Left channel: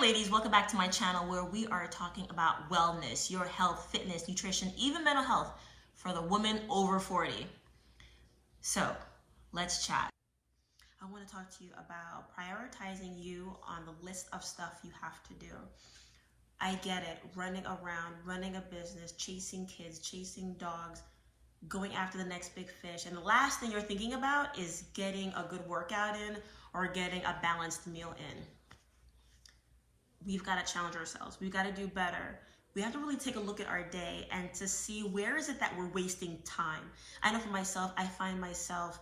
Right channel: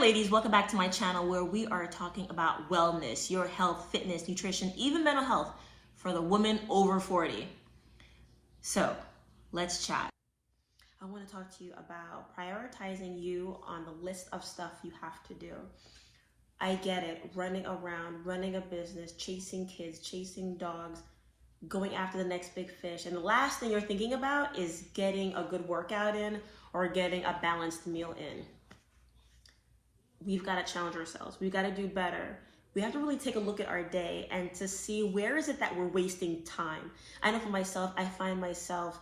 ladies, welcome back to my channel where we are talking about wellness, your health, fitness, nutrition, even mental health for the woman over 40. So let's chat. I want to talk to you about prioritizing you on the list of stuff you have to do. I get it, running around, running a business, chasing kids, chasing dogs, going after the next big fish. And the last thing you're thinking about is getting a good workout in or getting a balanced meal in. We've got to challenge ourselves. We've got to do better. We have to really take a look at our day and to see where is it that we're wasting time. I know for myself, I find myself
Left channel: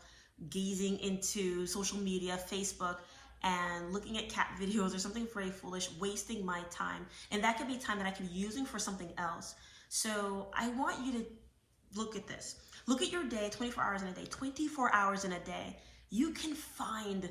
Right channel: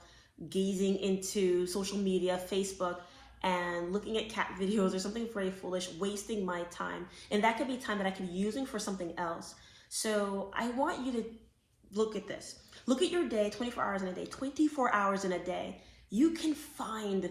gazing into social media, Facebook, and looking at cat videos or something very foolish, wasting my time. And that could be time that I could be using for something else. So I want you to look at this. Look at your day, 24 hours in a day, 24 hours in a day. You can find,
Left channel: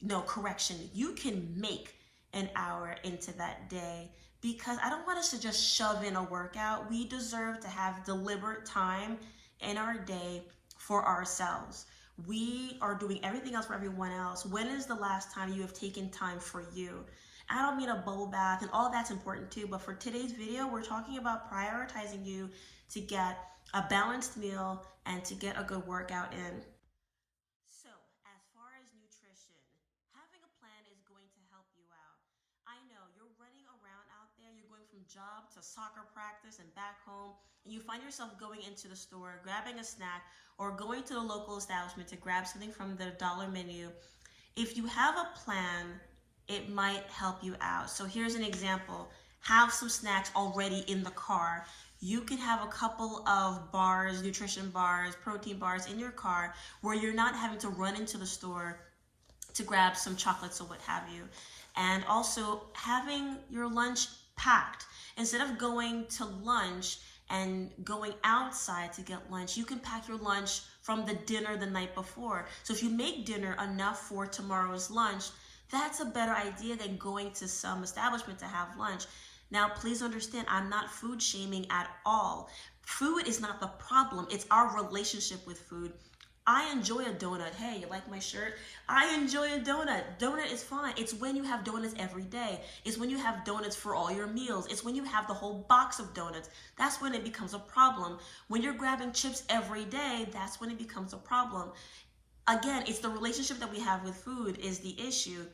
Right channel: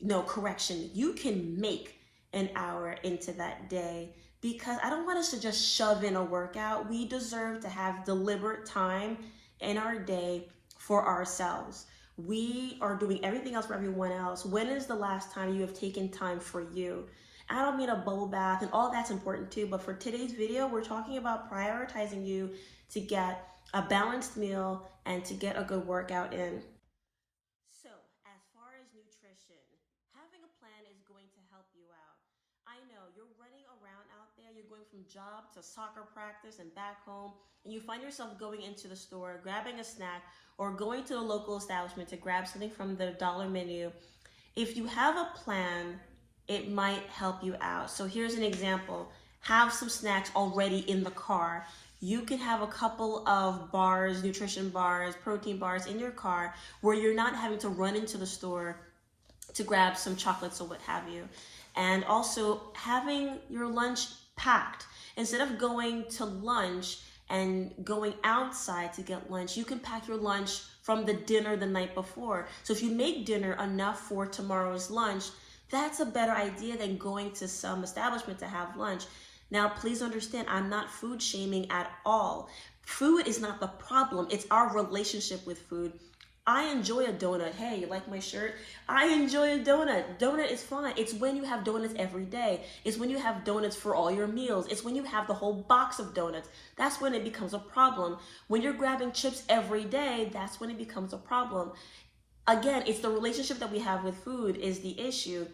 you can make an hour into that day, because I don't want us to just shove in a workout. We deserve to have deliberate time in our day for ourselves. We are doing everything else for everyone else. When is the last time you have taken time for you? I don't mean a bubble bath, and all that's important too, but for today's video, we're talking about prioritizing you to get a balanced meal and to get a good workout in. So as far as nutrition, having a plan is going to help you out. I know you're running around out there, you're going from job to soccer practice and back home, and you find yourself going into the store, grabbing a snack, or going to the local establishment to grab something from the dollar menu. If you have a plan, it might help you out. So here's an example. Have some snacks already in the car. You can have a couple of bars, nutrition bars, protein bars in your car where you're not having to run into the store to grab some chocolates or what have you. And also having your lunch packed. Instead of going to lunch and going outside to get lunch, you can pack your lunch from the dinner the night before. So if you make dinner enough for tomorrow's lunch, that's a better idea than going to some establishment to have lunch. Now, please understand, I'm not food shaming at all. Food is not the problem. It's our relationship with food. I enjoy a donut. Hey, you like my shirt? I enjoy a donut. Donut is fine. It's when you have donuts every day. It's when you have donuts for all your meals. It's when you have the whole box of donuts. That's when it becomes a problem. When you're grabbing chips every day, that's when it becomes a problem. Again, it's the relationship that we have with food is the issue.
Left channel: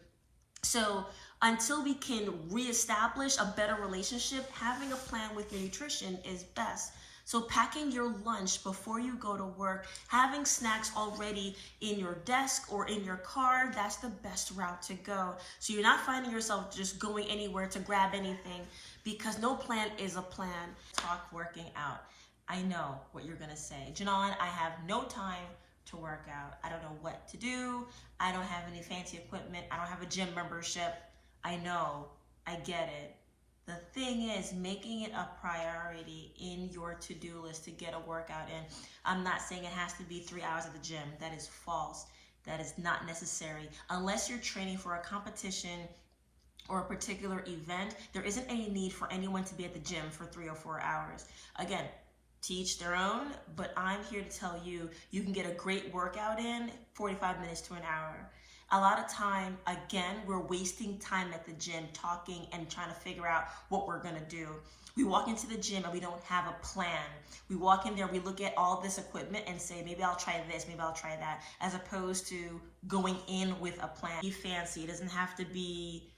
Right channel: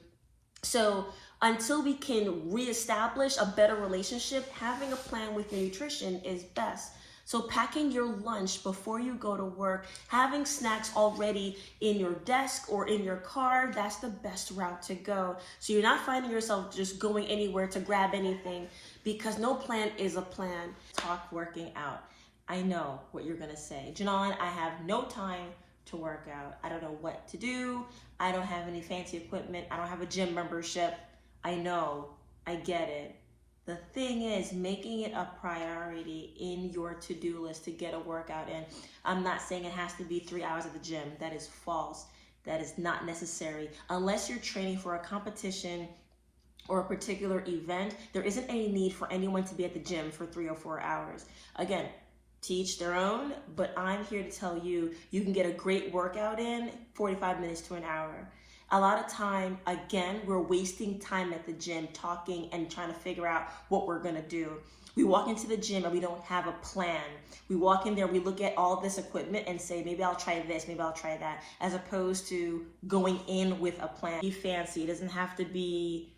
So until we can reestablish a better relationship, having a plan with your nutrition is best. So packing your lunch before you go to work, having snacks already in your desk or in your car, that's the best route to go. So you're not finding yourself just going anywhere to grab anything, because no plan is a plan. Talk working out. I know what you're gonna say. Janon, I have no time to work out. I don't know what to do. I don't have any fancy equipment. I don't have a gym membership. I know, I get it. The thing is, making it a priority in your to-do list to get a workout in. I'm not saying it has to be 3 hours at the gym. That is false. That is not necessary. Unless you're training for a competition or a particular event, there isn't any need for anyone to be at the gym for 3 or 4 hours. Again, teach their own, but I'm here to tell you, you can get a great workout in 45 minutes to an hour. A lot of time, again, we're wasting time at the gym talking and trying to figure out what we're gonna do. We walk into the gym and we don't have a plan. We walk in there, we look at all this equipment and say, maybe I'll try this, maybe I'll try that, as opposed to going in with a plan. Be fancy, it doesn't have to be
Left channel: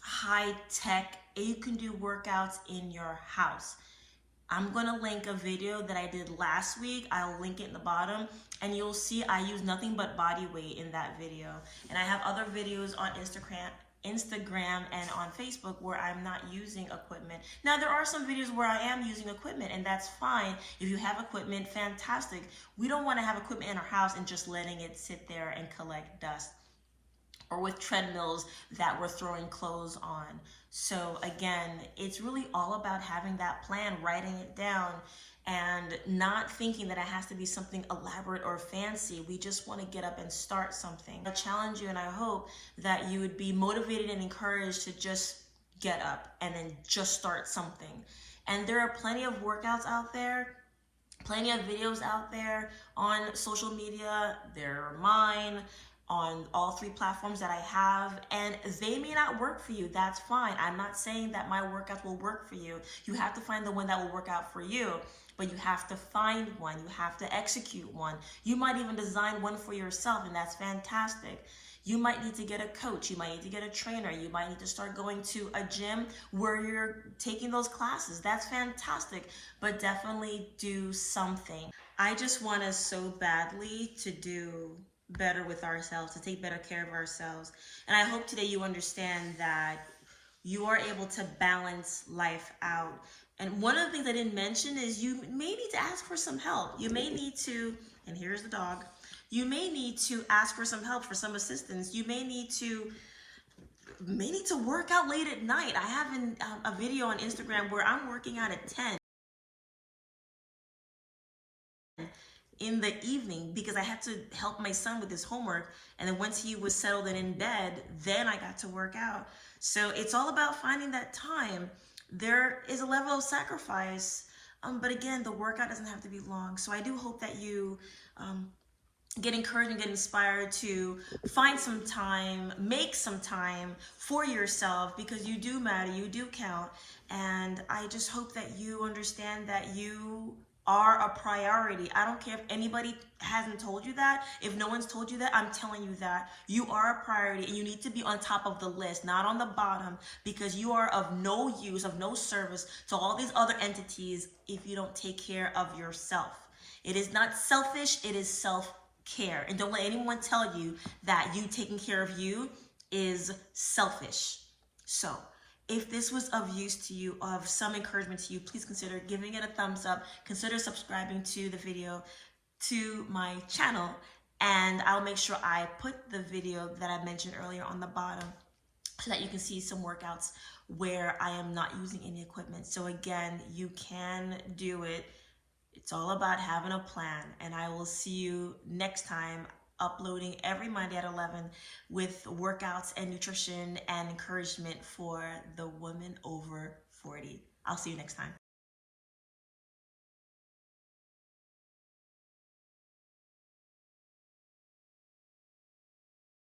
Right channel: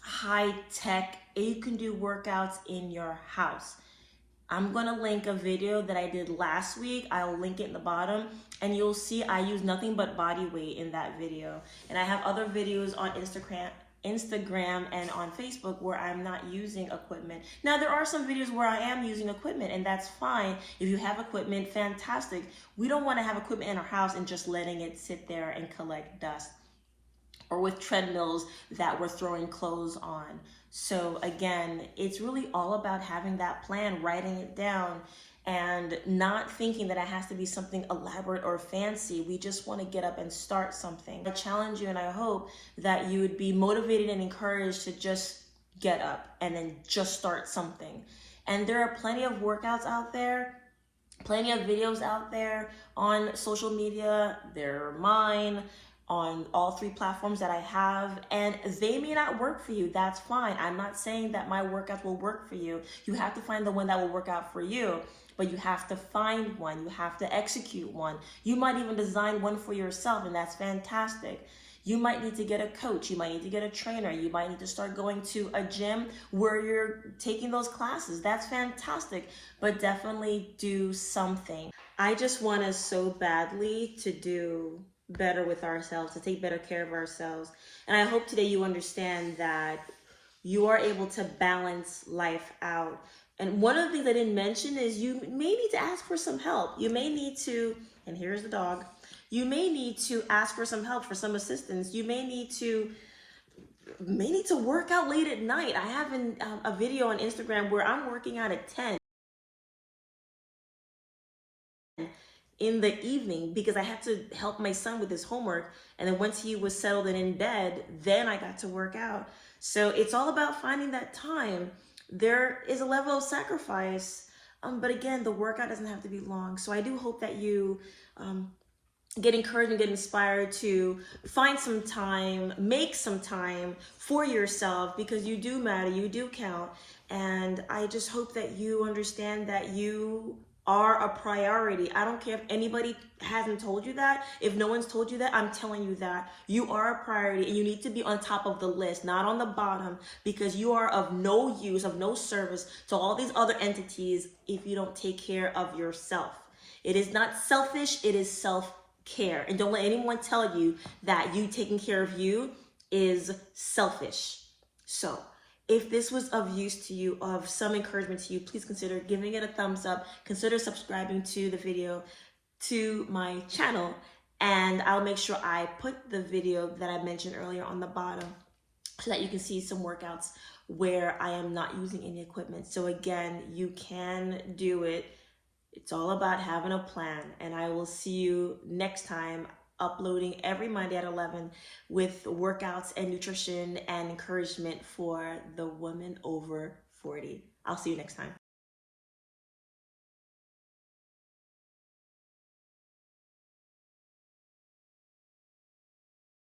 high tech. You can do workouts in your house. I'm gonna link a video that I did last week. I'll link it in the bottom, and you'll see I use nothing but body weight in that video. And I have other videos on Instagram and on Facebook where I'm not using equipment. Now, there are some videos where I am using equipment, and that's fine. If you have equipment, fantastic. We don't wanna have equipment in our house and just letting it sit there and collect dust, or with treadmills that we're throwing clothes on. So again, it's really all about having that plan, writing it down, and not thinking that it has to be something elaborate or fancy. We just want to get up and start something. I challenge you, and I hope that you would be motivated and encouraged to just get up and then just start something. And there are plenty of workouts out there, plenty of videos out there on social media. They're mine, on all 3 platforms that I have, and they may not work for you. That's fine. I'm not saying that my workout will work for you. You have to find the one that will work out for you, but you have to find one. You have to execute one. You might even design one for yourself, and that's fantastic. You might need to get a coach. You might need to get a trainer. You might need to start going to a gym where you're taking those classes. That's fantastic, but definitely do something. I just want us so badly to do better with ourselves, to take better care of ourselves. And I hope today you understand that you are able to balance life out. And one of the things I didn't mention is you may need to ask for some help. You may need to, and here's the dog, you may need to ask for some help, for some assistance. You may need to work out late at night. I have a video on Instagram where I'm working out at 10 in the evening because I had to help my son with his homework. And then once he was settled and in bed, then I got to work out. So it's all about finding that time. There is a level of sacrifice, but again, the workout doesn't have to be long. So I do hope that you get encouraged and get inspired to find some time, make some time for yourself, because you do matter, you do count. And I just hope that you understand that you are a priority. I don't care if anybody hasn't told you that. If no one's told you that, I'm telling you that you are a priority, and you need to be on top of the list, not on the bottom, because you are of no use, of no service to all these other entities if you don't take care of yourself. It is not selfish, it is self-care. And don't let anyone tell you that you taking care of you is selfish. So if this was of use to you, of some encouragement to you, please consider giving it a thumbs up. Consider subscribing to the video, to my channel, and I'll make sure I put the video that I mentioned earlier on the bottom so that you can see some workouts where I am not using any equipment. So again, you can do it. It's all about having a plan, and I will see you next time, uploading every Monday at 11 with workouts and nutrition and encouragement for the woman over 40. I'll see you next time.